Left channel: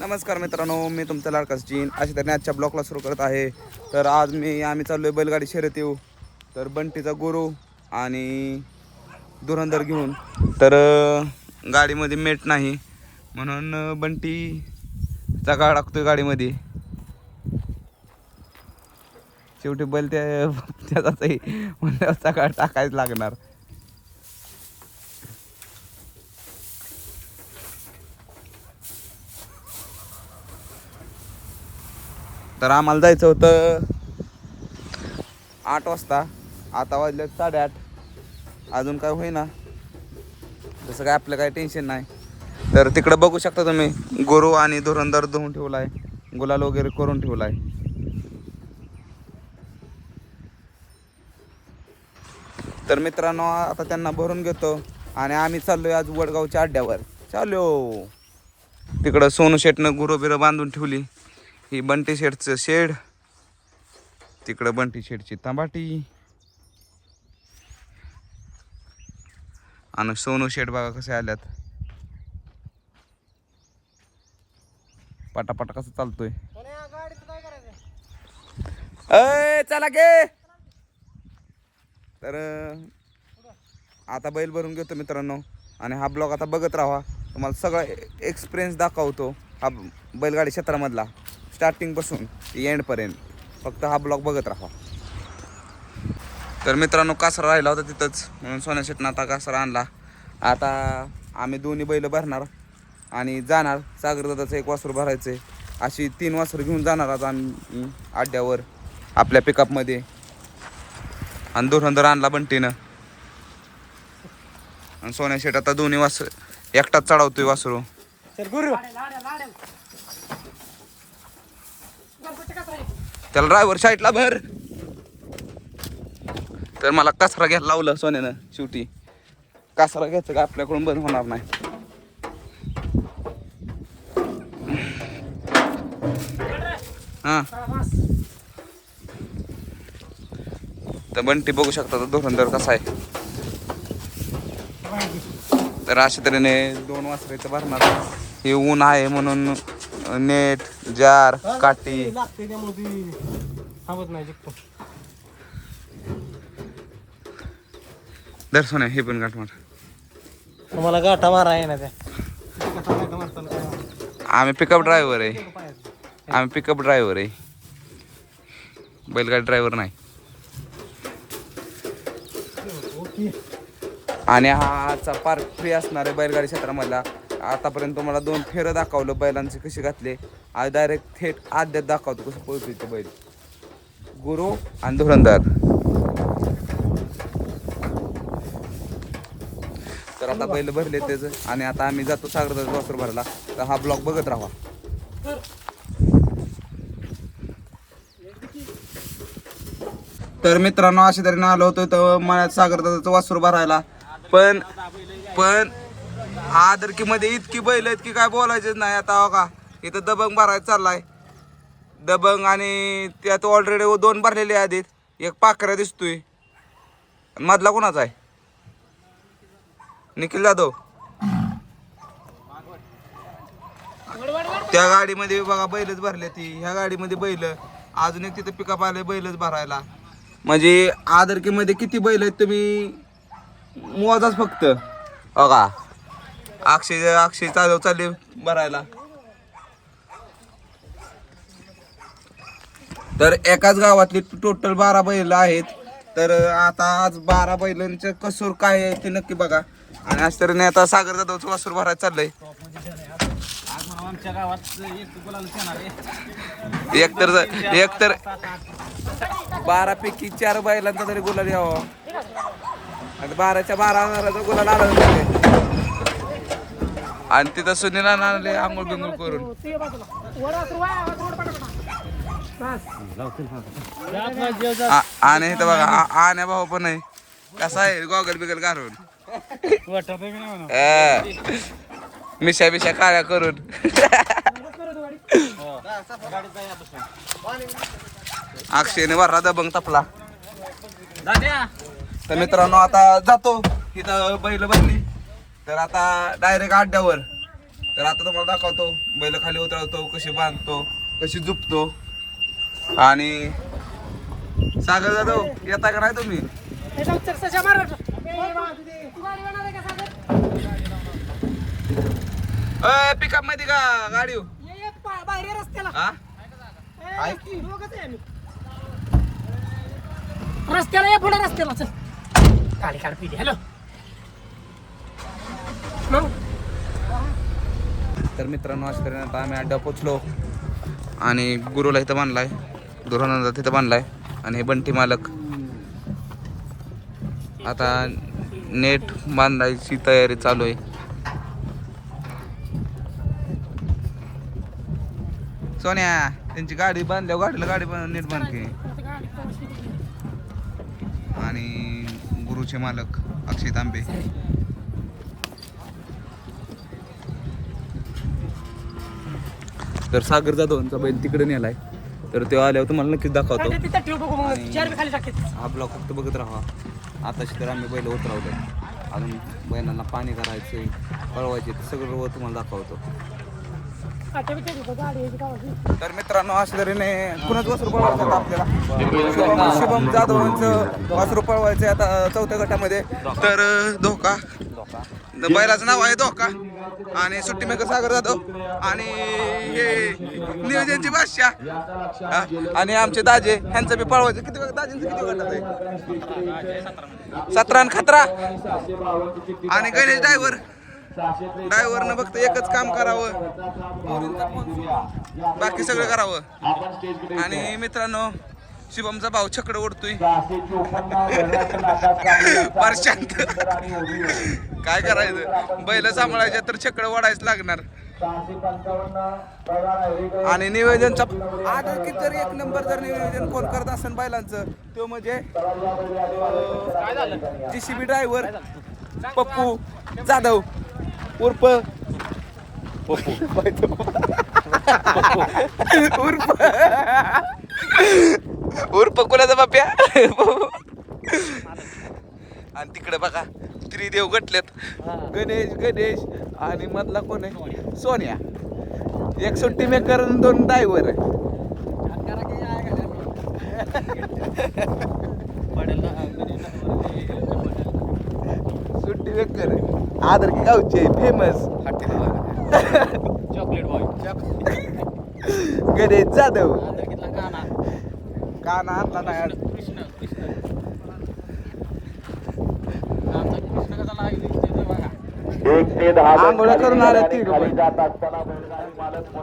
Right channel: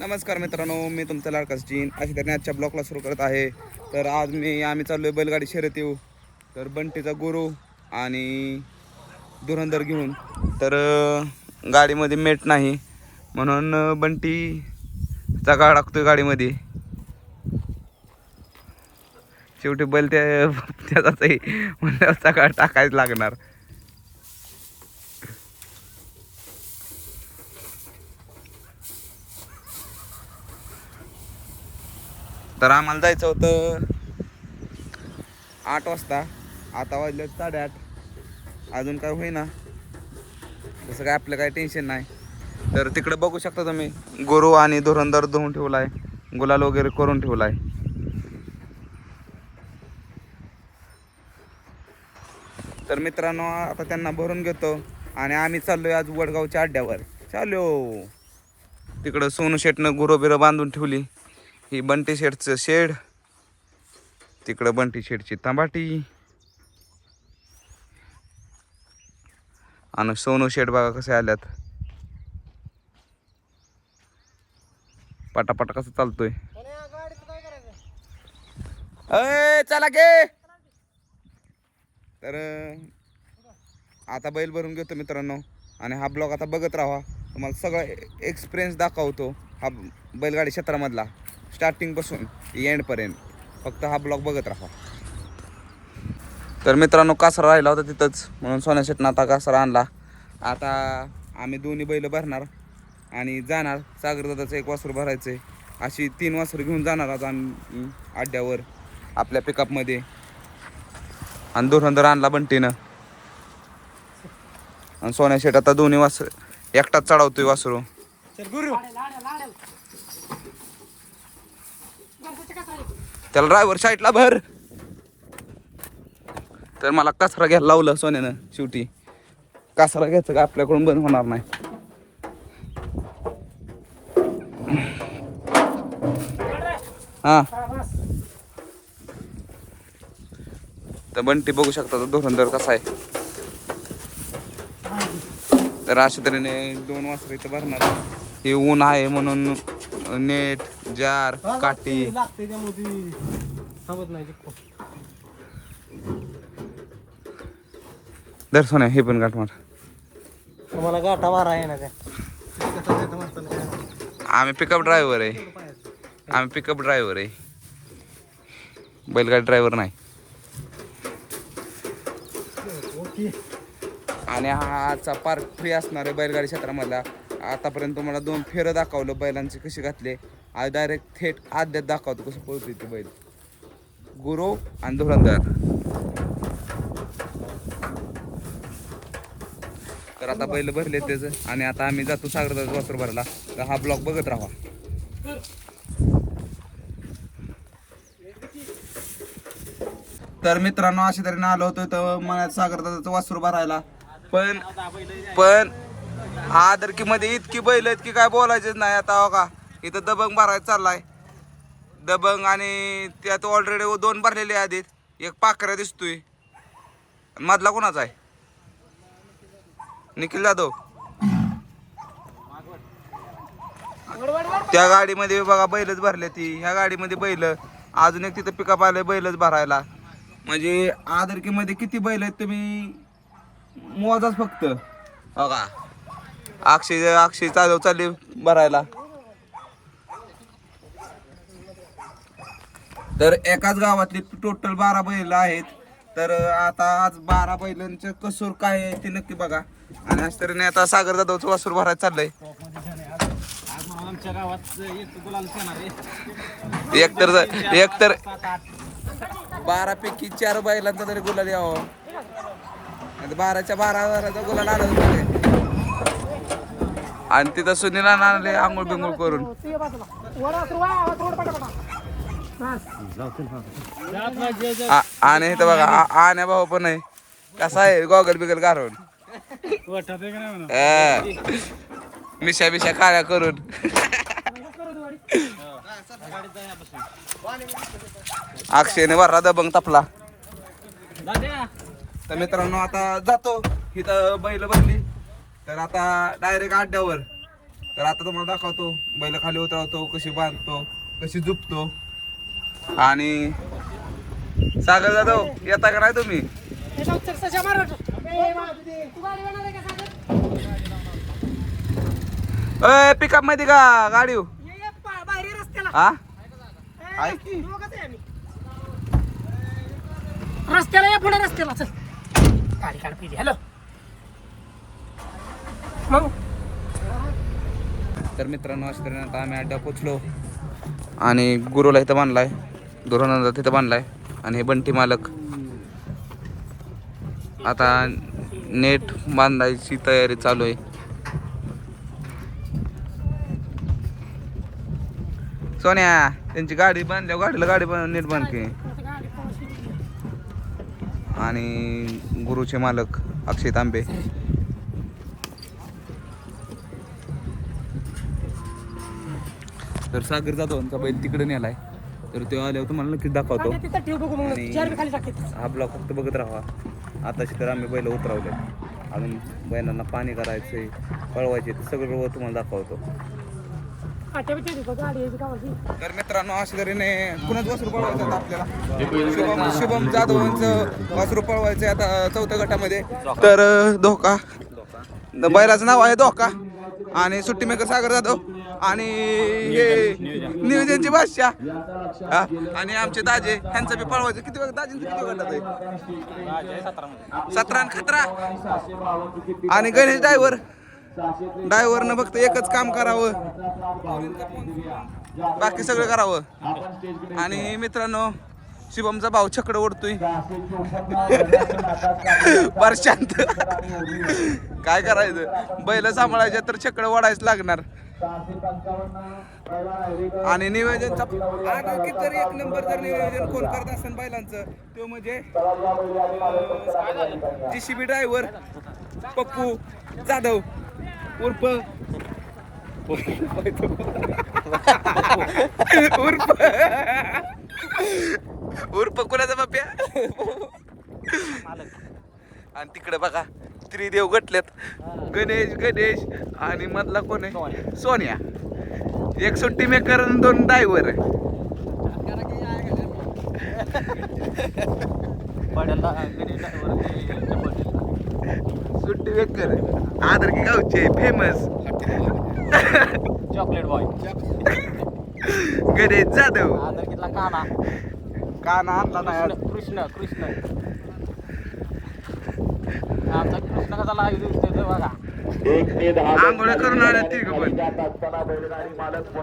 नमस्कार मित्रांनो, मी तुमचा लाडका सचिन अशी तऱ्हेने आजच्या ब्लॉगला सुरू करत आहे. तर आज आम्ही चाललो आहे बैलगाडी शर्यत येऊ. तर बंटीचा गुरु आणि धुरंधर घेऊन. तर गाडीमध्ये मेट नाही म्हणून बंटीचा गाड टाकतोय गाडीमध्ये. शेवटी बैल त्याचाही म्हणल्याचा गाड टाकायच लागणार. तर आम्हाला जायचं होतं 8 वाजता. आता वाजले 8:30. अजून काय होईना, तसं काय आपलं काय टेन्शन नाही. तर तिकडं बघू शकता तुम्ही, गुरु आणि धुरंधर धुवून ठेवलाय, गुलाल वगैरे करून ठेवलाय. तर मित्रांनो, आता त्यांना भरून घेतो आणि आम्ही चाललोय आज वडगावच्या अड्ड्यावर. चाललो तिकडं सोनू शेटनं गुरु बिरं बांधून ठेवली. ही बंटी शेटचं शेड, तिकडं बंटी शेटची तंबाटी आणि सोनू शेट बघा कसे आल्यात. पटापट कसं चालतोय. अय चला गे. तर आता बैल भरून घेतो मित्रांनो आणि हा ब्लॉग आता बघत राहा. तुम्हाला सगळा एक्सपिरियन्स दाखवतो हा बैलगाडी क्षेत्रामधला, स्टार्टिंग पासून एंडपर्यंत. फक्त हा ब्लॉग बघत राहा. तर मित्रांनो, कासरा राहिला होता तिथंच म्हणून सोन्या शेटनं आता कासरा आणला. आता आम्ही दोन्ही बैल भरणार आणि जाणार. सागरदादाचं एक वासरू भरायचं आहे. अशी 3 वासरं घेऊन जाणार आज आम्ही अड्ड्यावर आपल्या पिकअपमध्ये. आणि धुरंधर आणला बंटीनं आणि सोन्या शेट आता दोन्ही वासर एकटाच चढवतोय वासरू. त्याला ड्रायव्हर साईडला भर. तर मला कासरा घ्यायला लावलं सोन्यानं. शेवटी कासरा घ्यायचं का आपल्याकडून बंद होणार नाही. हा तर बंटी बघू शकता धुरंधर कसा आहे. तर अशा तऱ्हेने 2 वासरं इथं भरणार. हे ऊन आहे म्हणून नेट, जार, काठी. दर्शन आहे. हे पण गाठ मार. तुम्हाला गाठा मारा आहे ना त्या. आम्ही पिकअप ड्रायव्हर आहे. बैलगाडी ड्रायव्हर नाही. आणि हा आजचा पार्ट 3 असणार आहे बैलगाडी क्षेत्रामधला. आतापर्यंत तुम्हाला 2 फेरं दाखवलं बैलांचे कसे घातले. आज डायरेक्ट थेट आद्यात दाखवतो कसं पळतोय ते बैल, गुरु आणि धुरंधर. तर आता बैल भरले त्याचं आणि आता आम्ही जातो सागरदाचा वासर भरला. तर हा ब्लॉग बघत राहा. तर मित्रांनो, अशा तऱ्हेने आलो होतो तर मला सागरदाचं वासर भरायला. पण आदरकीमध्ये इतकी बैल आहेत की काय बोलायचेच नाही. आता का इथं दबंग भरायला चाललाय. दबंग आणि त्यात ऑलरेडी 2 भरलेले आधीत. एक पाखरा दिसतोय. मधला कोणाचा आहे? निखिल जाधव. त्या गाडीमध्ये बघा बैलच भरले ती. ह्या गाडीमध्ये बैल. अजून एक तिथं पिकअप आले बैलच भरायला. म्हणजे आदरकीमध्ये किती बैल आहेत तुम्ही मोजाच फक्त. बघा अक्षय जाधव चालले भरायला. तर एकाच गावातले टोटल 12 बैल आहेत. तर आता आज 12 बैलांचं कसूर काय आहे ते नक्की बघा. आणि आज तर आता सागर जाधवचं वासूर भरायला चाललंय. आमच्या गावात एकतर 12 पैकी 4 बैलांचा तरी गुलाल यावं. आता 12च्या 12 गुलाल आला होता. आणि तिथं सुनील आणले आंघोळ बिंगोळ करून. आणि इथं बघा आण्या भाऊ पण आहे. कसा आहे गॉगल बिगल घालून, मिशा काळ्या करून. अक्षयने वरला दबंग तपला. तर मित्रांनो, आता जातो. इथं बैल भरली तर आता डायरेक्ट अड्ड्यावर तर आता तुम्हाला दाखवतो बैल खाली उतरवतो, कशी बांधतो, कशी झुपतो. आणि सागर जाधव येता का नाही तुम्ही? पिकअप मध्ये का गाडी हा आहे की रस्त्याला पुढे रस्त्याला चल गाडी काढ पिढी. हॅलो तर मित्रांनो अशा तऱ्हेने आता आम्ही अड्डा पोचलो आणि गुरुला इथं बांधलाय, दुरानंदा तिथं बांधलाय आणि हे बंटी मालक आता नेट बांधायची तयारी चालू आहे. सोन्या त्यांची गाडी बांधल्यावर गाडी नीट बांधते. आणि गुरुचे मालक अक्षय तांबे. तर सागर जाधवांचा बैल तिकडे नेलाय, तर तो आल्यावर तुम्हाला नक्कीच दाखवतो. आणि हा ब्लॉग फक्त बघत राहा. आताशी तर आम्ही बैल उतरवले, अजून बैलांना पाणी करायचंय, पळवायचे, ते सगळं तुम्हाला दाखवतो. तर मित्रांनो अशा तऱ्हेने कुणाच वासरू पळवायचं आता आपल्याला. शुभम जाधवांचं वासरू पळवायचं आता 4थ्या गटामध्ये. तर धोका बैलाचं नाव आहे धोका आणि सुट्टी मेकर सागर जाधव आणि हे नियोजनची बादशाह आणि आमचे दाजे ह्यांचं बी पळवायचं. किती दाजींचं किती गटात आहे? 17 खतरा आणि गणेश ड्रायव्हरनं फक्त एकच काम करावं, बाकी सगळं करावं. आणि मित्रांनो शिवमचा भाऊ छकडं ओढतोय फार शांत. काय करायचं, बैल सांभाळायचे तर छकडं ओढायच लागणार. आणि नियोजनचा आधी जर 1 नंबर जर नियोजन कोण करत असेल बैलांचं तो म्हणजे JCB ड्रायव्हर पप्पू जाधव उर्फ कुणाचा बाप्या. आणि तिकडे बघा त्रिदेव गटलेत, गणेश आणि मधला कोण आहे? सोन्या. एक सुट्टी मेकर आणि 2 ड्रायव्हर आहे. सुट्टी मेकर आदर की गावचे famous chocolate boy Ganesh Jadhav. काना आणला नाही आज. कृष्ण आमचा कृष्ण कसा लागेल बघा. आंघोळ्या करून आल्या ती पण.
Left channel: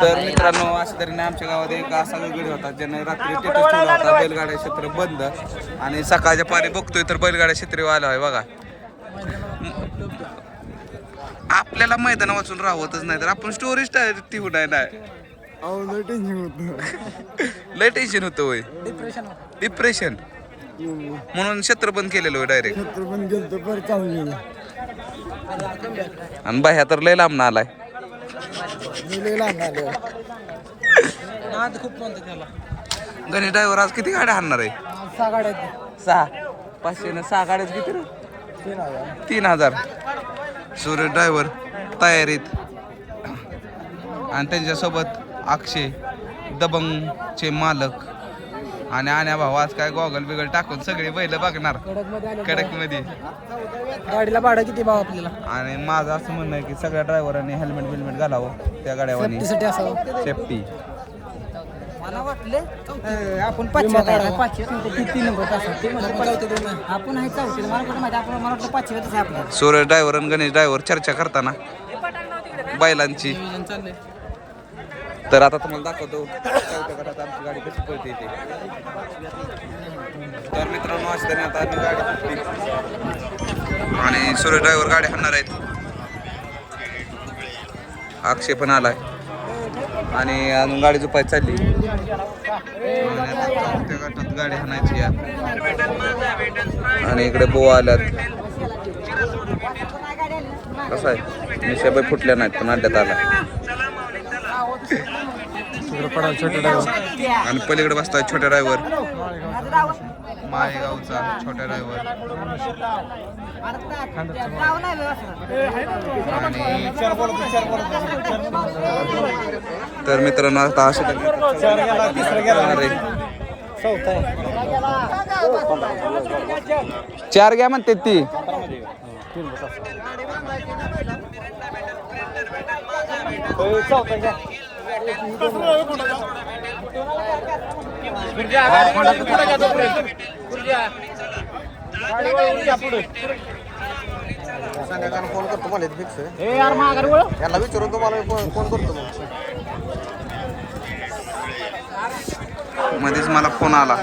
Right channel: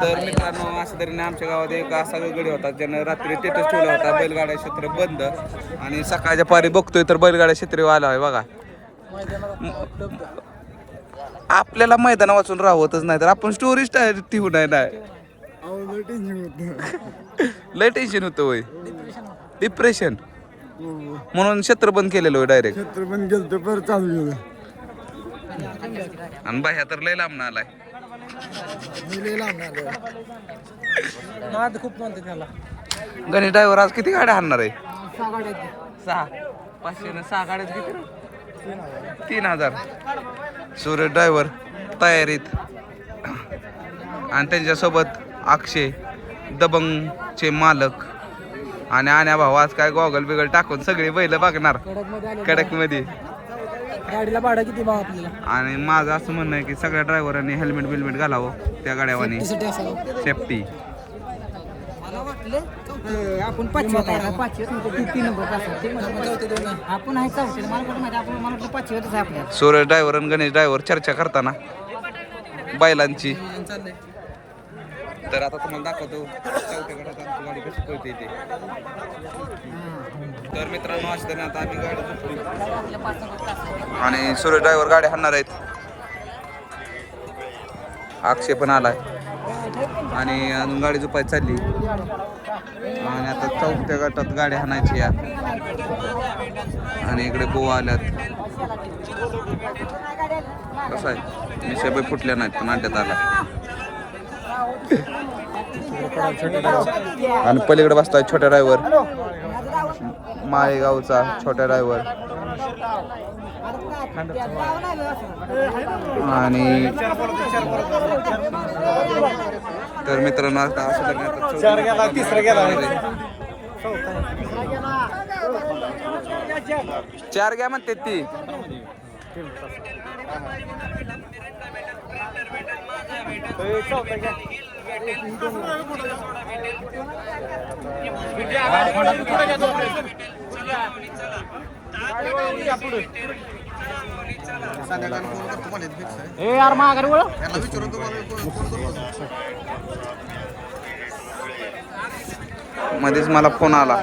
तर मित्रांनो अशा तऱ्हेने आमच्या गावात एक असा गडी होता ज्यानं रात्री स्टेटस ठेवला होता बैलगाड्या क्षेत्र बंद, आणि सकाळच्या पारी बघतोय तर बैलगाड्या क्षेत्र आला आहे बघा. आपल्याला मैदान वाचून राहतच नाही तर आपण स्टोरीज ठेवू नाही. लय टेन्शन होतं होय, डिप्रेशन म्हणून क्षेत्र बंद केलेलं होय डायरेक्ट. क्षेत्र पण गेलतो पर चालू गेलं. आणि बाह्या तर लय लांब आलाय. खूप म्हणतो त्याला. गणेश ड्रायव्हर आज किती गाड्या हाणणार आहे? 6 गाड्या 6 500 न 6 गाड्याच किती रे? 3000. सूरज ड्रायव्हर तयारीत आणि त्यांच्यासोबत अक्षय दबंगचे मालक आणि आण्या भाऊ आज काय गॉगल बिगल टाकून सगळी बैल बघणार कडक मध्ये. गाडीला भाडं किती भाव आपल्याला? आणि माझं असं म्हणणं आहे की सगळ्या ड्रायव्हरांनी हेल्मेट बिलमेट घालावं त्या गाड्यावानी, सेफ्टी. मला वाटलं आपण 5 नंबर आपण आहे 4 मला कुठं माहिती, आपण मला वाटलं 5 आहे आपल्याला. सूरज ड्रायव्हर आणि गणेश ड्रायव्हर चर्चा करताना बैलांची. तर आता तुम्हाला दाखवतो 4थ्या गटात आमची गाडी कशी पळते ते. तर मित्रांनो अशा तऱ्हेने आता आम्ही गाडी घेतली आणि सूरज ड्रायव्हर गाडी हाणणार आहेत. अक्षय पण आलाय आणि अजून गाडी झोपायची चालली. आणि आता 4थ्या गटात गाडी हाणायची या. आणि इकडे बोवा आल्यात. कसं आहे मिशाबाई फुटल्या नाहीत पण अड्ड्यात आला. आणि पलीकडे बसताय छोट्या ड्रायव्हर, माळेगावचा छोट्या ड्रायव्हर आणि तर मित्रांनो आता अशा तऱ्हेने आता चौथ्या गटात आम्ही गाडी पळवणार आहे. 4 घ्या म्हणते ती. संध्याकाळी फोन करतो मला याला विचारून तुम्हाला फोन करतो मध्येच मला फोन आला.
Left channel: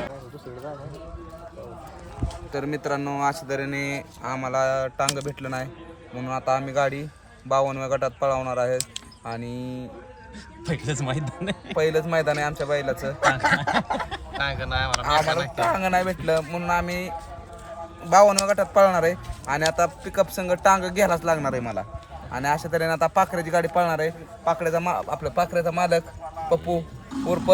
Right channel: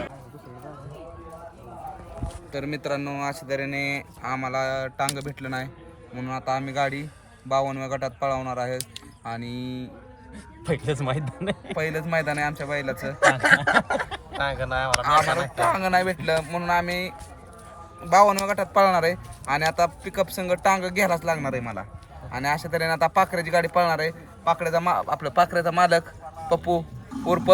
तर मित्रांनो अशा तऱ्हेने आम्हाला टांग भेटलं नाही म्हणून आता आम्ही गाडी 52व्या गटात पळवणार आहे. आणि पहिलंच मैदान आहे आमच्या बैलाचं. आम्हाला टांग नाही भेटलं म्हणून आम्ही 52व्या गटात पळवणार आहे. आणि आता पिकअप संघ टांग घ्यायलाच लागणार आहे मला. आणि अशा तऱ्हेने आता पाखऱ्याची गाडी पळणार आहे. आपलं पाखऱ्याचा मालक पप्पू उर्फ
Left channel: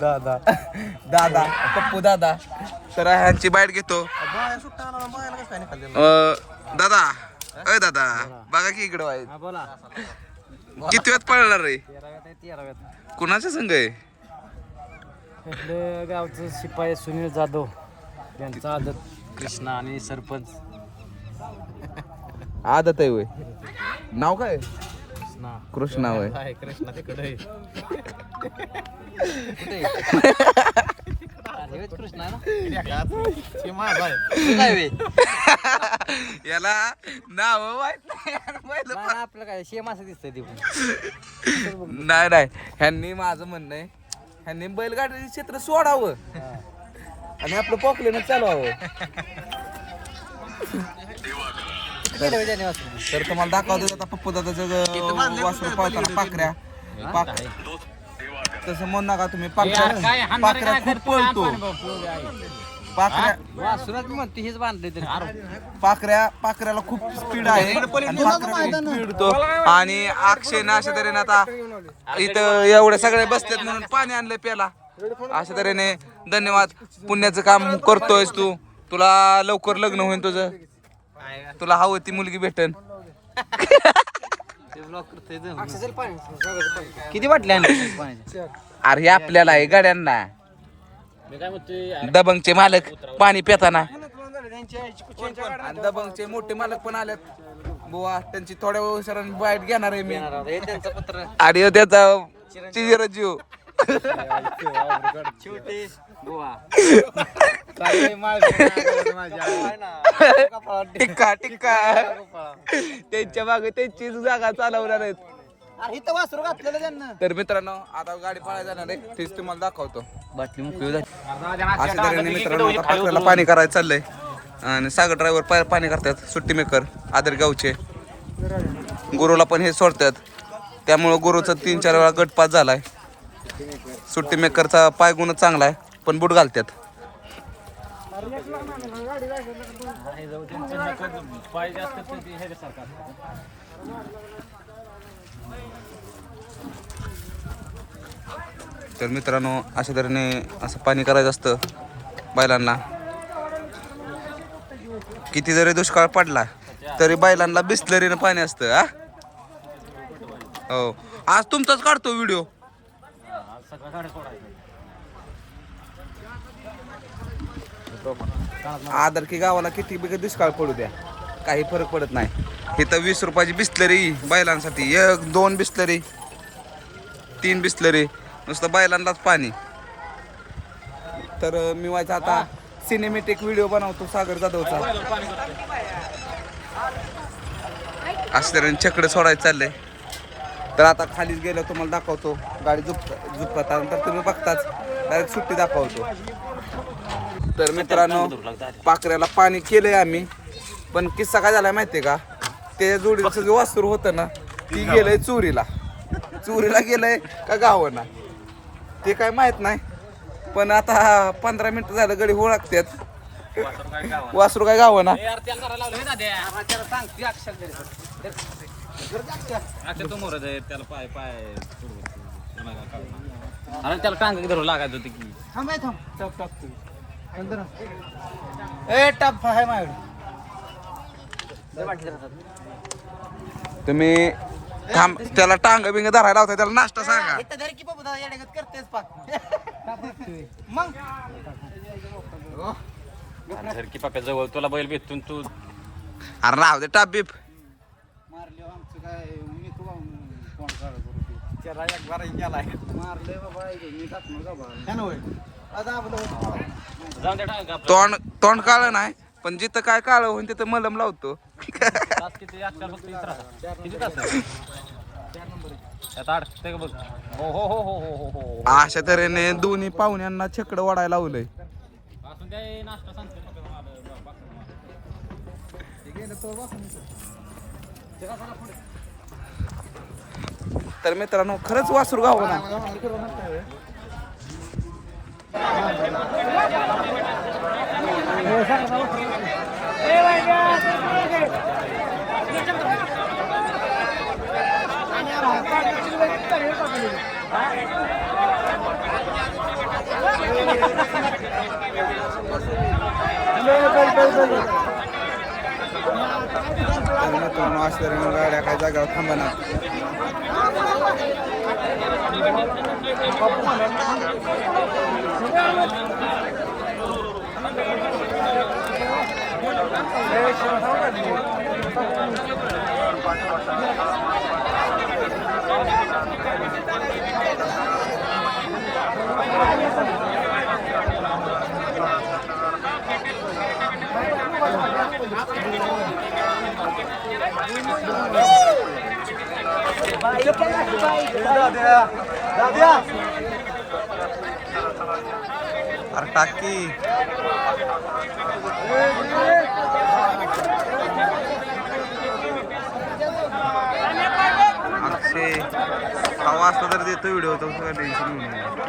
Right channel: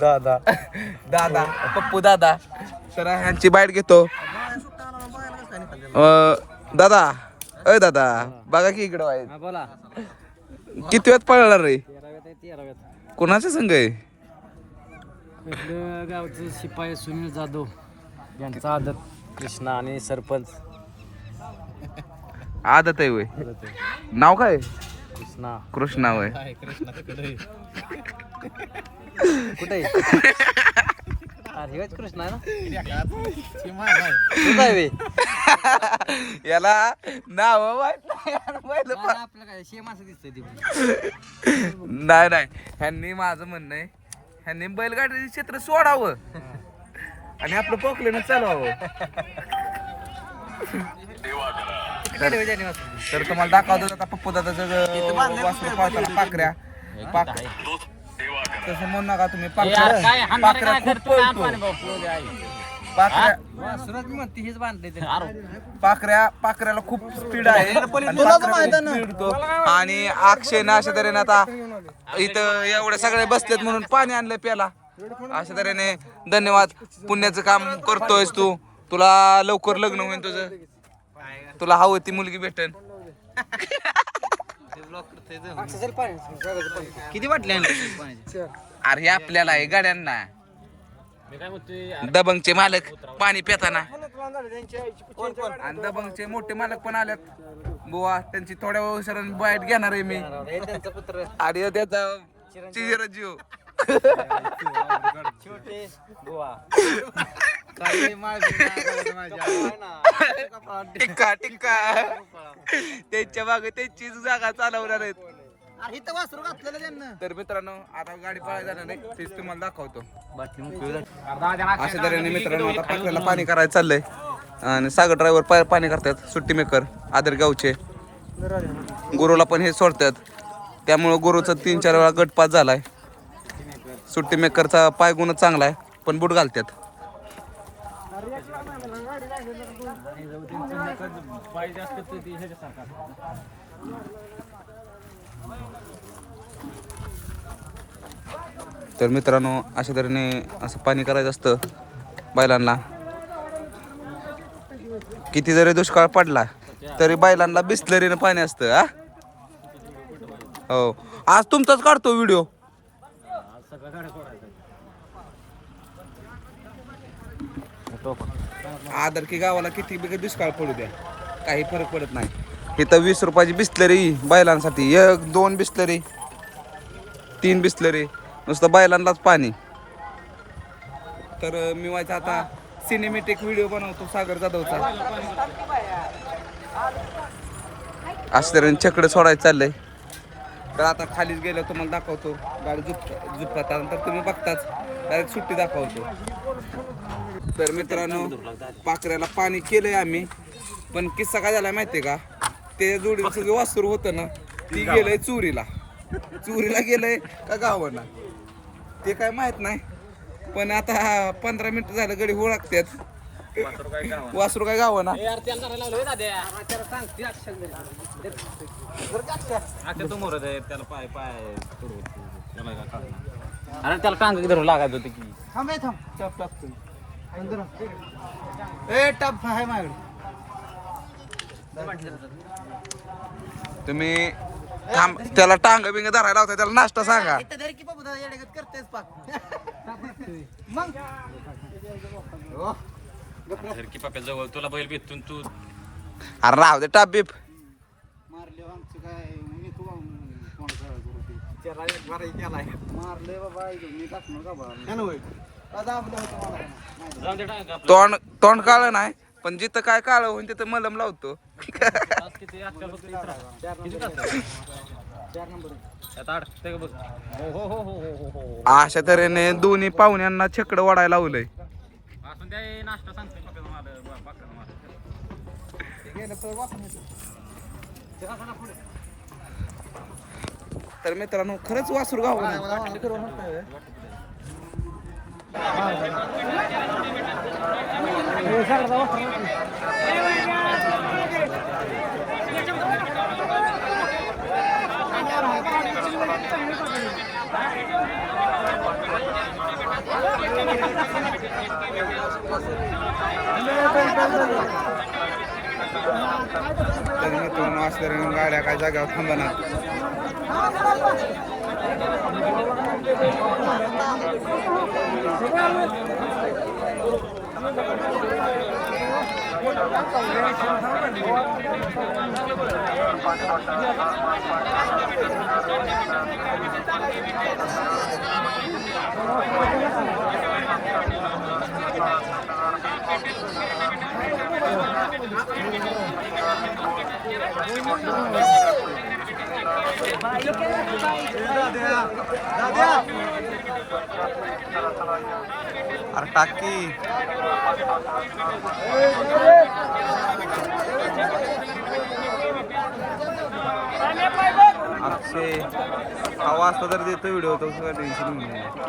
दादा पप्पू दादा. तर ह्यांची बाईट घेतो. दादा अय दादा बघा की इकडं आहे. बोला. किती वेळात पळणार रे? 13व्यात. कोणाच्या संघ आहे? आपलं गावचं शिपाई सुनील जाधव यांचा आदत कृष्णा आणि सरपंच आदत आहे वय. नाव काय? कृष्णा. कृष्णा वय. कृष्णा तिकडे कृष्णा याला नाव माहित आपलं काय शेम असं दिसतंय. नाही नाही ह्यांनी माझं म्हणणं आहे ह्यांनी बैलगाडी क्षेत्र सोडावं आणि आपलं पॉकलेनं चालवावं. तर तुम्हाला दाखवतो आता पप्पू दादाचं वासरू पळताना पाखऱ्या तसं म्हणू नका तुम्ही. पाखऱ्या खूप पळतो. पाखऱ्याला खूप स्पीड आहे आणि पाखऱ्या खूप पिडतो. आणि अक्षयनं अशा तऱ्हेने आता इथं एवढे सगळे बसलेत म्हणून पाणी आणलंय प्याला. अशा तऱ्हेने धन्यवाद. पुण्याचं काम करतोयस तू. तुला लवकर लग्न होईल तुझं. तुला हवं ती मुलगी भेटन. किती वाटले? अरे हे आपल्याला आहे गाड्यांना. दबंगचे मालक पाणी पिताना आणि दबंगचे मोठे मालक पण आलेत बुवा. त्यांची थोड्या वेळाने बाईट घेणार आहे मी. आणि त्याचा चिरंजीव टिक्का टिक्का त्यांच्या मागे त्यांची जागा चालवणार आहेत. तर मित्रांनो आता गाडी पळायला जाणार आहे तीच तुम्हाला दाखवतो. अशा तऱ्हेने मित्रांनो आता पाखऱ्याला पाणी करायला चाललंय. आणि सागर ड्रायव्हर पाणी करतात. सुट्टी मेकर आदर गावचे गुरुला पण हे सोडतात. त्यामुळं गुरुचा 3-4 वेळा गटपास झालाय. सुट्टी मेकरचा पाय गुण चांगला आहे पण बूट घालतात. तर मित्रांनो अशा तऱ्हेने असं पाणी करायचं असतं बैलांना. किती जरी दुष्काळ पडला तरी बैलांना बिस्लरीनं पाणी असतं. हा हो आज तुमचाच काढतो व्हिडिओ. आदर की गावाला किती बिग दुष्काळ पडू द्या काही फरक पडत नाही. इथं 20 रुपयाची बिस्लरी बैलांसाठी 1-2 बिस्लरी 3 बिस्लरी नुसतं बैलांनाच पाणी. तर मी व्हायचा आता सिनेमॅटिक व्हिडिओ बनवतो सागर जाधवचा. असं तऱ्हेने छकडं सोडायचं चाललंय. तर आता खालीच गेलं तुम्हाला दाखवतो. गाडी झुपतात नंतर तुम्ही बघताच डायरेक्ट सुट्टी दाखवतो. तर मित्रांनो पाखऱ्याला पाणी केलंय आम्ही. पण किस्सा काय झाला माहितीये का? ते जोडीचं जे वासरू होतं ना ती गेलंय चोरीला गेलंय का गावांना ते काय माहित नाही. पण आता 15 मिनिटं झालं गडी ओळखतात. वासरू काय गावांना. अरे त्याला टांग धरून लागायचं होती की थांब थांब टप टाकतो ए टप आहे माझ्याकडे तुम्ही थांब त्याला टांग बिंग धरायला लावताय त्याला नाश्ता सांगा मग धरकी पाप्या जवळ तुला बैल भेटून तू अरे राहू दे टाप बीप मारले आमचं काय मी तुला कोण काळ करू ते त्याला एक बार गेलाय मारले बाबा मी टाकलो का बा का दाबलं होतं मला का नाही? जाऊन दे टांग आपलं तोंड काळं नाही पण जिथं काय काळं होईल तिथं मलम लावतो आज किती आजकाल फक्त इथं राहा. किती तास? 4 नंबर आहे त्यात अडकतंय का बघ हो हो हो हो हो हो हो अशा तऱ्हेने दोन्ही पाहुण्यांना छकडं वाढायला लावलंय असून द्या नाश्ता सांगते पाप्याला मला बाकाला मला. तर मित्रांनो खरंच वासरू गाव ना तर मित्रांनो अशा तऱ्हेने गाड्या काय जाग्यावर थांबणार अरे टाकी अक्षय हवा असला तर देतो व्हिडिओ तो सगळं टेन्शन घेऊन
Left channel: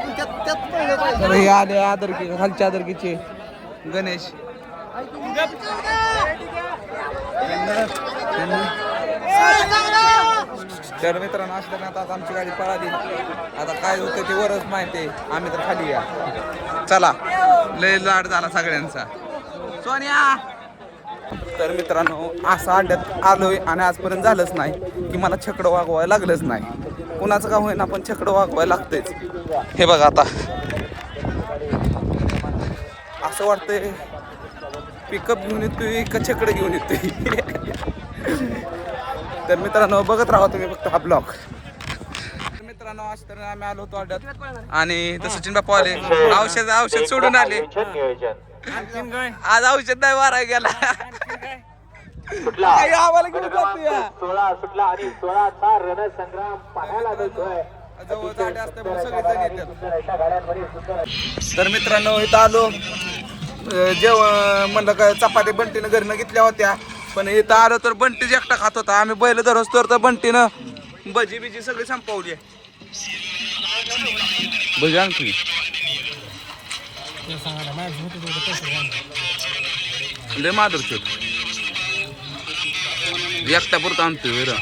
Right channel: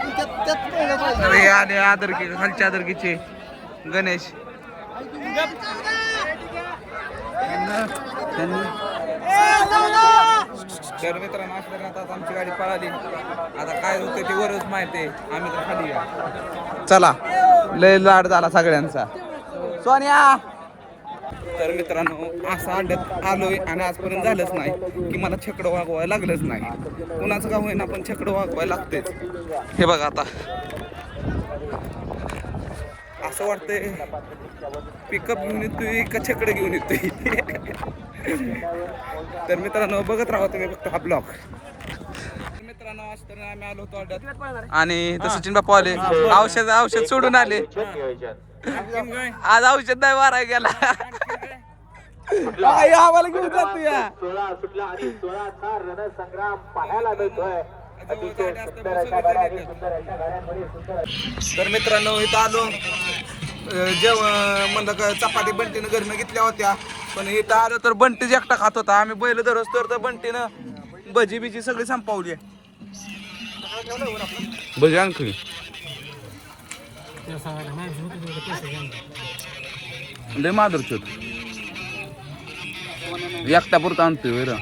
तर हे आले आदरकी खालच्या आदरकीचे गणेश तर मित्रांनो असल्या आता आमची गाडी पळाली आता काय होतं ते वरच माहिती आहे आम्ही तर खाली या चला लय लाड झाला सगळ्यांचा सोनिया तर मित्रांनो असं अड्ड्यात आलोय आणि आजपर्यंत झालंच नाही की मला छकडं वागवायला लागलंच नाही कुणाचं का होईना पण छकडं वागवायला लागतेच हे बघा आता असं वाटतंय पिकअप घेऊन येतोय का छकडं घेऊन येतोय तर मित्रांनो बघत राहा तुम्ही फक्त हा ब्लॉग मित्रांनो आज तर आम्ही आलो होतो अड्ड्यात आणि तर सचिन बापू आले औषध सोडून आले आज औषध नाही मारा गेला तर मित्रांनो इथं आलो जेवण म्हणलं का चपाती बंटीनं घरनं घेतल्या होत्या पण इथं आलो तर बंटीच एकटा खात होता आम्ही बैल धरोस तर बंटीनं भजी बिजी सगळी संपवली भजी आणखी लय माधुरचोत एकटा पुरता आणतोय वर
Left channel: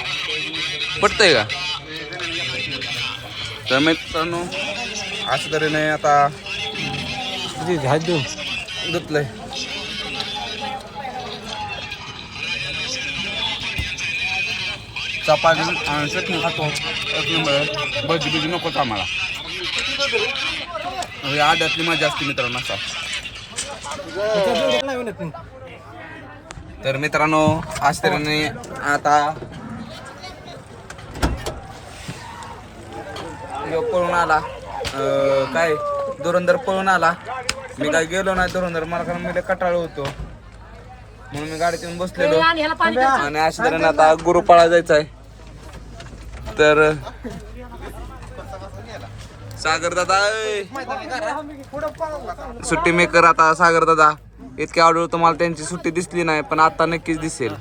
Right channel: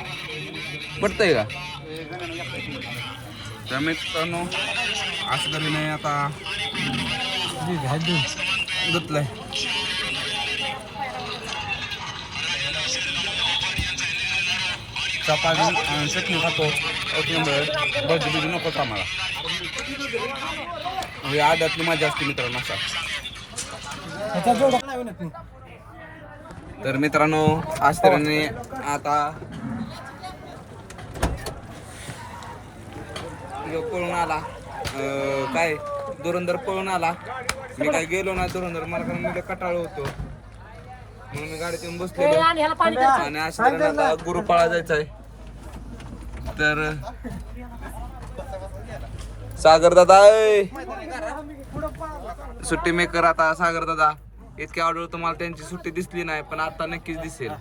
पटतंय का तर मित्रांनो असं तरी नाही आता धुतलंय चपाती आणि चटणी खातो एक नंबर भजी बिजी नकोच आम्हाला हे आड्यातली मजा असते मित्रांनो असा तर मित्रांनो आज तऱ्हेने आता पळून आला काय धुरंधर पळून आला मी काय गेलो नाही धुरंधर मला कारण मी कटाळ होतो म्हणून मी गाडीत येऊन बसलेलो आणि अशा तऱ्हेने आता गुरुपाळा जायचा आहे तर सागर दादा सुट्टी मेकर आता सागर दादा इतक्या ऑर्डर तुम्हाला त्यांची सुट्टी दिसली नाही पण आता नक्कीच दिसेल.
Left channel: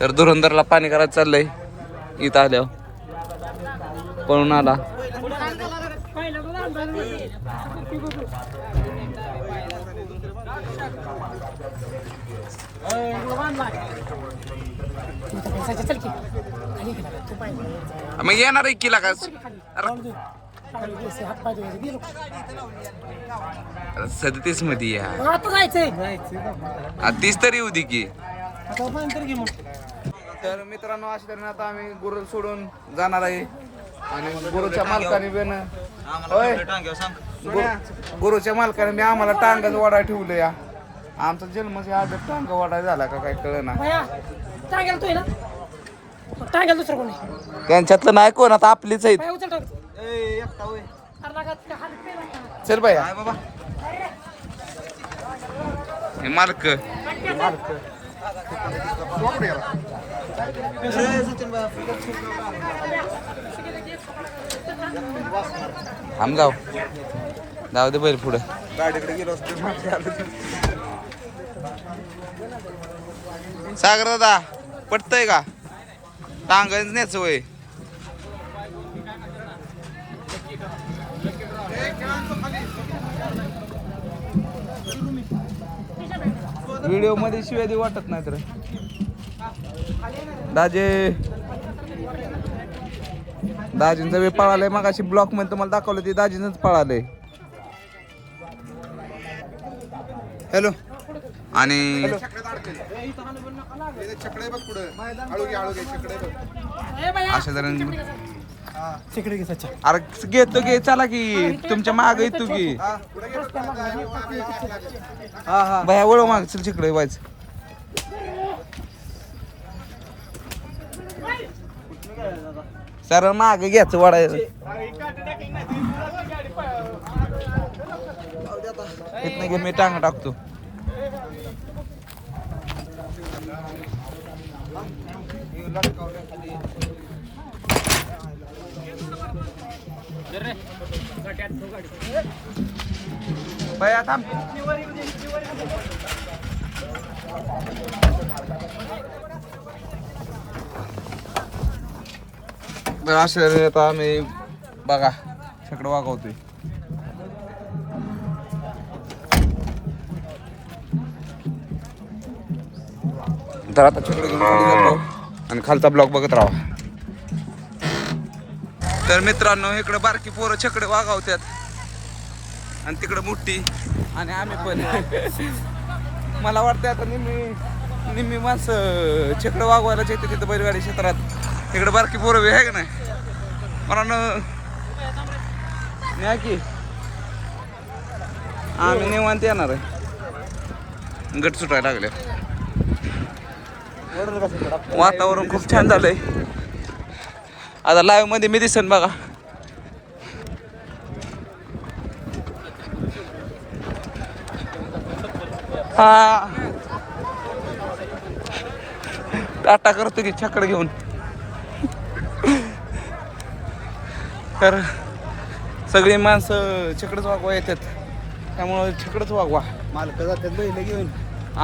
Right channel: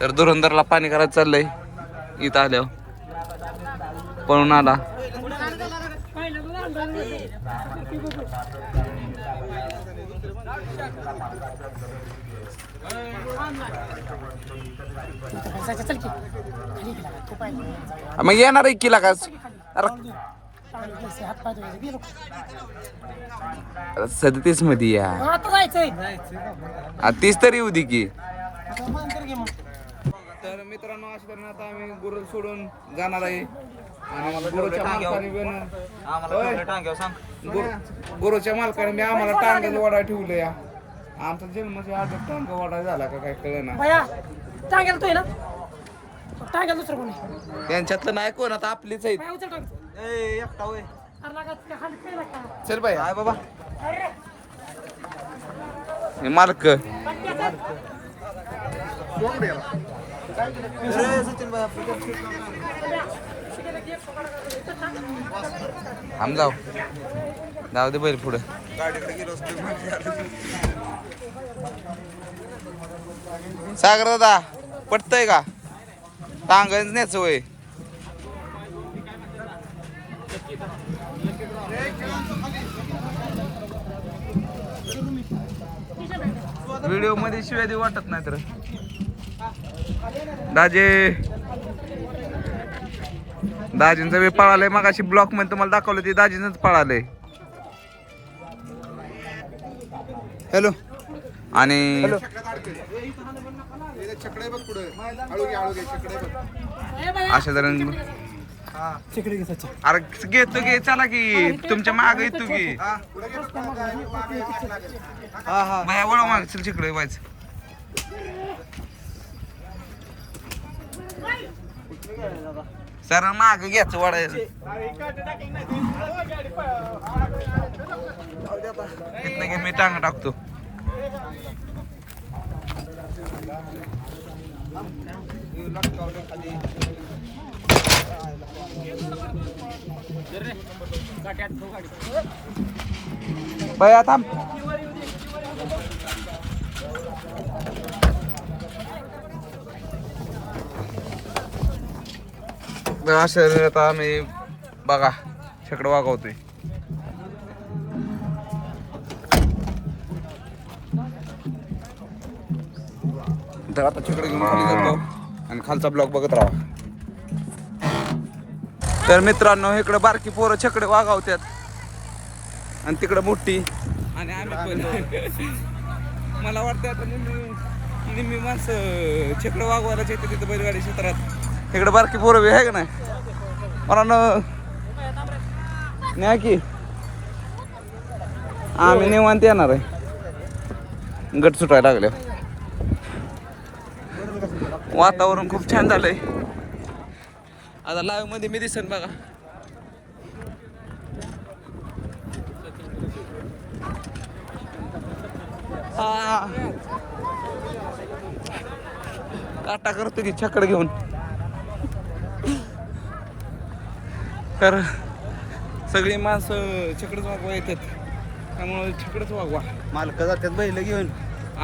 तर धुरंधरला पाणी करायचं चाललंय. इथं आल्यावर पळून आला. मग येणार आहे किला का 37 मध्ये या 30 तरी येऊ दे की. तर मित्रांनो अशा तऱ्हेने आता आम्ही गुरु सोडून जाणार आहे आणि गुरुच्या मालकाने गुरुच्या मालकाने मी आम्हाला टांगाच वाडा ठेवलं या. आमचा जन्मच आदर टांगा वाडा झाला का काय कळ ना. त्यांच्यातलं नाही कोण आता आपलीच आहेत. चल बाय हे मालक थांब जाऊ दे बैल पुढे. सागर दादा पटतय का टांगच न्यायचं वय. व्हिडिओ मध्ये शिवाय दे वाटत नाही तर दाजींचा वेळ पळालाय. मग अशी ब्लॉक मध्ये तुम्हाला दाखवलं ते दाजींच पळालंय. हॅलो आणि अशा जण अरे घेतो घे चला की तुमच्या माग येतो की बाया वळ माग चल तिकडे व्हायचं. सर माग घ्यायचं वाढायचं इथनं घे मी टांग टाकतो. बाया थांब. असं आता आम्ही बघा छकडं वागवतोय. तर आता छकडं घेऊन खाली जातो आणि खालचा ब्लॉक बघत राहा. तर मित्रांनो इकडे बारकी पोरं छकडे वागवतात आणि तिकडं मोठी आणि आम्ही पण मला वाटतं आता निम्मी माणसं छकडं वागवायलाच येते तिथं बैलगाडी क्षेत्रात. इकडे बारकी पोरं बी आहे का नाही मला नाही की आम्ही निवांत येणार आहे. गट सुटायला लागले. वातावरण खूप छान झालंय. आता लाईव्ह मध्ये मी दिसेन बघा. हा टाटा करतो की छकड घेऊन. तर सगळी माणसं छकडच वागवा येतात त्यामुळं छकडच वागवा. मालक जातात बैल घेऊन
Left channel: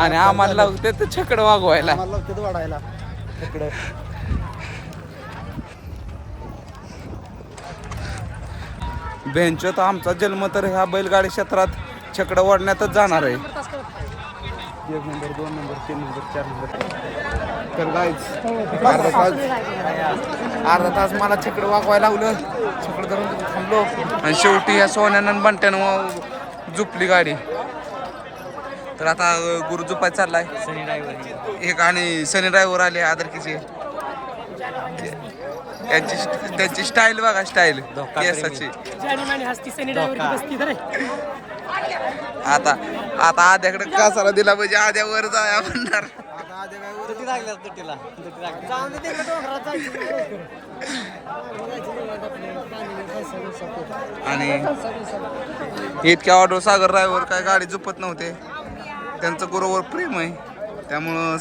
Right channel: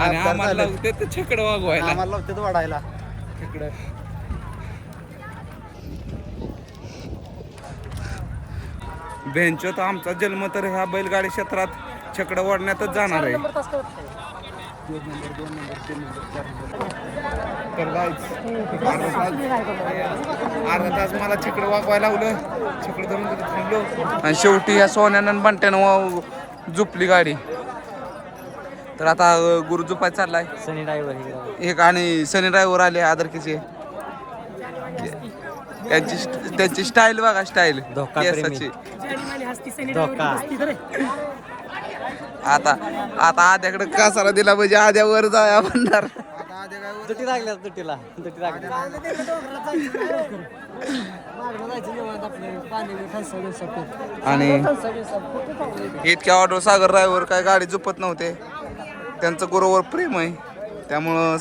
आणि आम्हाला लावतात छकड वागवायला. वाढायला छकडं. बेंच तर आमचा जन्म तर ह्या बैलगाडी क्षेत्रात छकडं वाढण्यातच जाणार आहे. 1 नंबर 2 नंबर 3 नंबर 4 नंबर. तर गाईज अर्धा तास मला छकडं वागवायला लावलं. छकडं धरून तिथे थांबलो आणि शेवटी ह्या सोन्यानं बंट्यानं झुपली गाडी. तर आता गुरु झुपायला चाललाय एक आणि सनी ड्रायव्हर आले आदरकीचे. त्यांची स्टाईल बघा स्टाईल केसाची. आता आता आद्याकडे कासाला दिला म्हणजे आद्यावर जाया म्हणणार. आणि इतक्या ऑटो सागर ड्रायव्हर काय गाडी झुपत नव्हते. त्यांचं गुरुवर प्रेम आहे त्यामुळं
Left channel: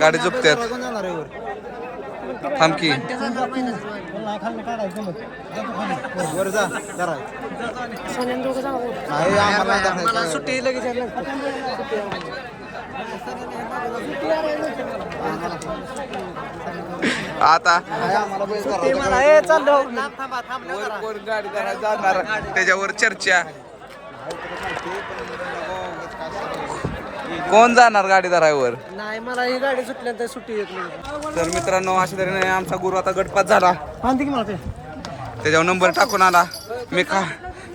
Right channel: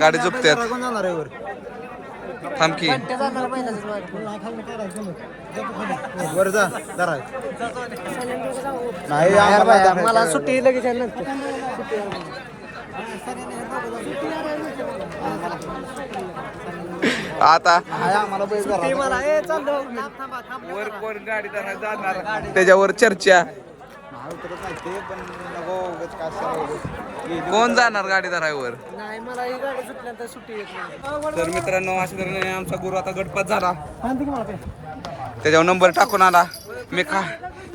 गाडी झुपतात. थांब की मला सुट्टी लगेच आली आता मला हे चाललो वर कोण गाडी जाणार त्याच्यावर चर्चा. कोण जाणार गाडी वर? नाही मला ही गाडी सुटल्यानंतर सुट्टी येत नाही. तर मित्रांनो अशा तऱ्हेने आमचा गुरु आता गटपात झाला. मला त्याच्यावर नंबर टाकून आला.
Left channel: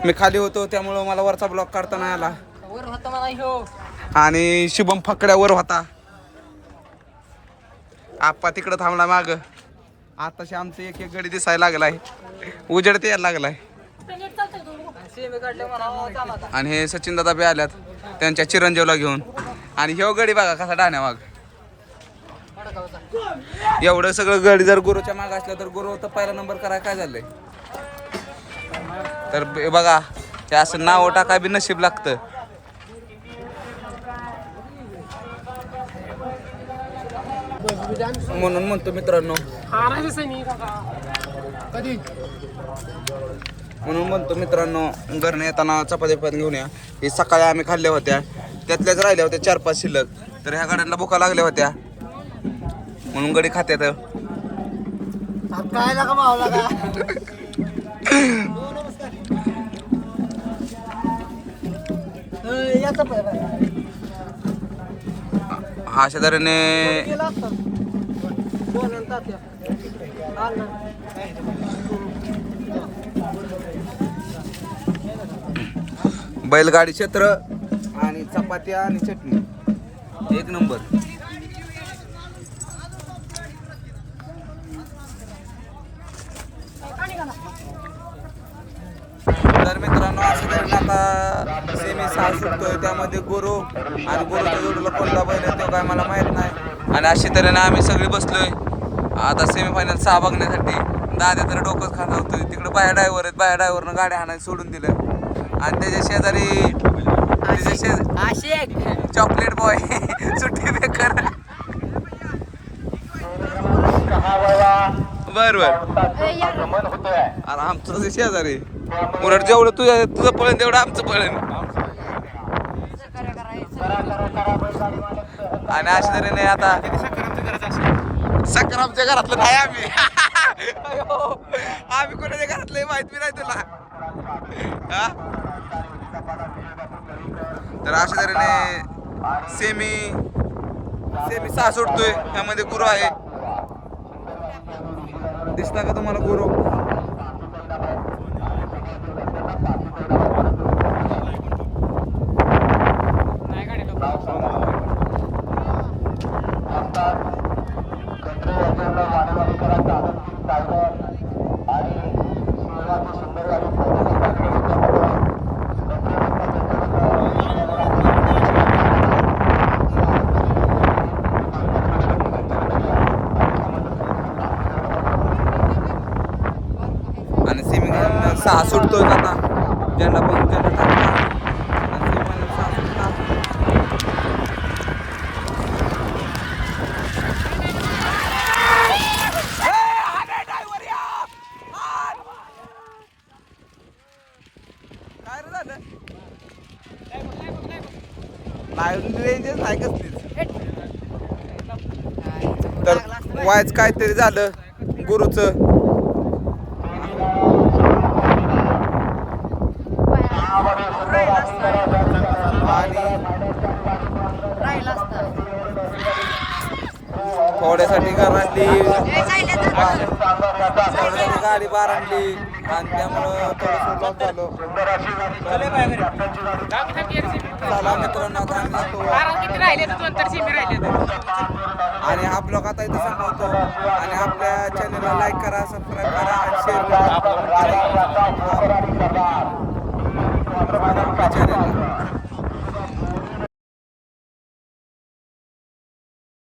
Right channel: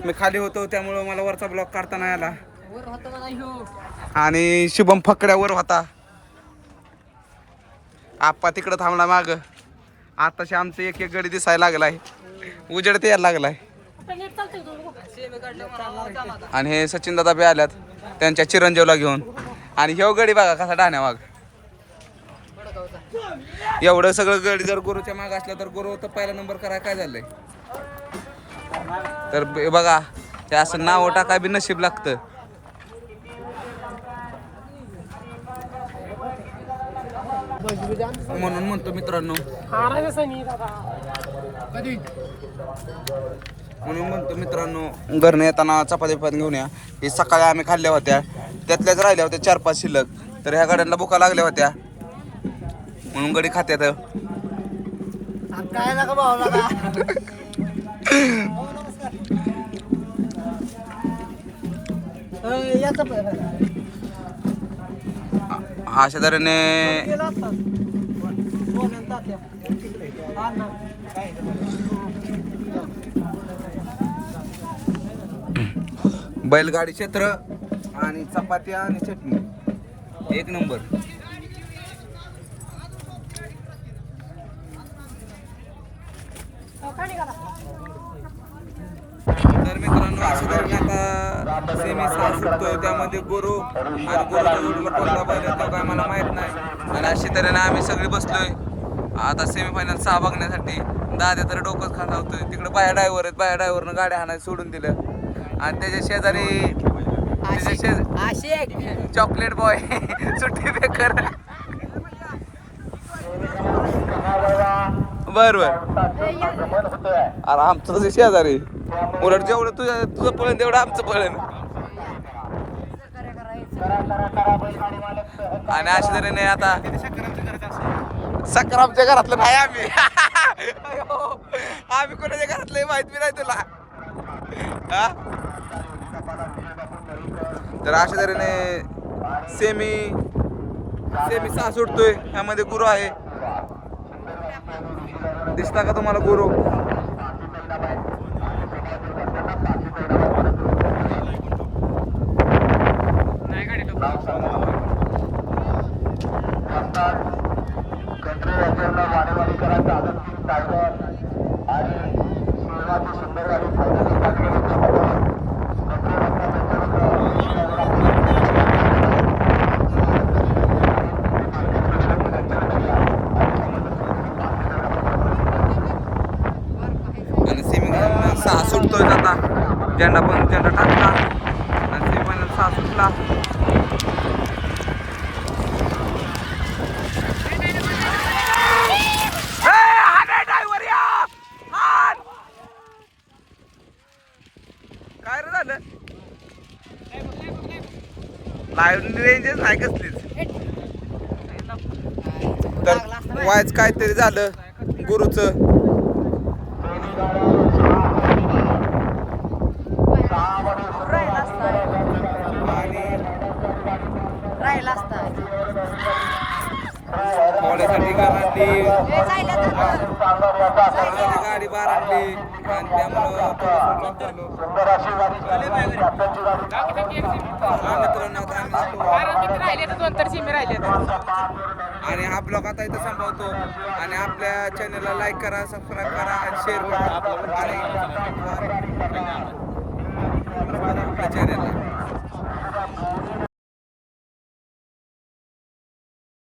मी खाली होतो त्यामुळं मला वरचा ब्लॉक काढता नाही आला. आणि शुभम फकड्यावर होता. आप्पा तिकडं थांबला माग. आताशी आमचं एक गडी दिसायला लागलाय. उजेड ते यायला लागलाय. आणि हे सचिन दादा बी आल्यात त्यांच्या चिरंजीवला घेऊन. आणि ह्यो गडी बघा कसा डाण्या वाघ. एवढं सगळं गडी जर गुरुच्या माग असलं तर गुरु तर पहिला नंबर करायला काय झालंय. तर बघा ते असं नाव टाकाय बी नशीब लागतं. म्हणून म्हणतो मित्रांनो घरनं येताना चपाती पण घेऊन या. हे सकाळी आम्ही खाल्ल्या होत्या त्यातल्याच राहिल्या होत्या 4-5 शिल्लक. तर ह्या गाड्यांना भुका लागल्या होत्या म्हणून गडी खात्यात. काय नका भावला अशा तऱ्हेने बैलगाडी क्षेत्र आणि चपात्या आणि चटणी एक नंबर. तर मित्रांनो अशा तऱ्हेने आता सेमी 6 सुटतोय. त्यामध्ये गुरु आणि गुरुच्या जोडीला कोणता बैल आहे तो काय मला माहित नाही. आणि अशा तऱ्हेने आम्ही सगळे बसलोय आता सेमीफायनल 6 बघण्यासाठी. दादा तर डोकंच खात होतोय. तिकडे बाया ड्रायव्हर आहेत. बाया ड्रायव्हरनं गाड्या हाणायला सोडून दिलं. आणि त्याच्या शेजारी चॉकलेट बॉय सुट्टी बेकर. बर अरे आमचं तुझे शेजारी उलट जेवढं तुझं पळण तेवढं आमचं पळण. आणि अशा तऱ्हेने आता सक्रामच्या घरातलं नाही आम्ही. आम्ही कोणाच्या घरातलं माहित बी नाही तुला. तर अशा तऱ्हेने सेमी 6 सुटतोय. ह्यामध्ये गुरु आहे. दिसता का तुम्हाला गुरु? आणि सेमीफायनल 6 सुटतोय आता. झेंडा टाकला आणि सेमीफायनल 6 सुटला. काय रे झालं? लाईव्ह रेंजच नाही कसलीच. वायच काहीतरी झालं गुरुचं. थोड्यासाठी गाडी बार आणली आणि त्यामुळं थोडंसं झालं. मित्रांनो आता आणि हा ब्लॉग आता इथं संपवतो. आणि आपल्या चॅनलला लाईक करा, सबस्क्राईब करा आणि शेअर करा. आणि आपल्या चॅनल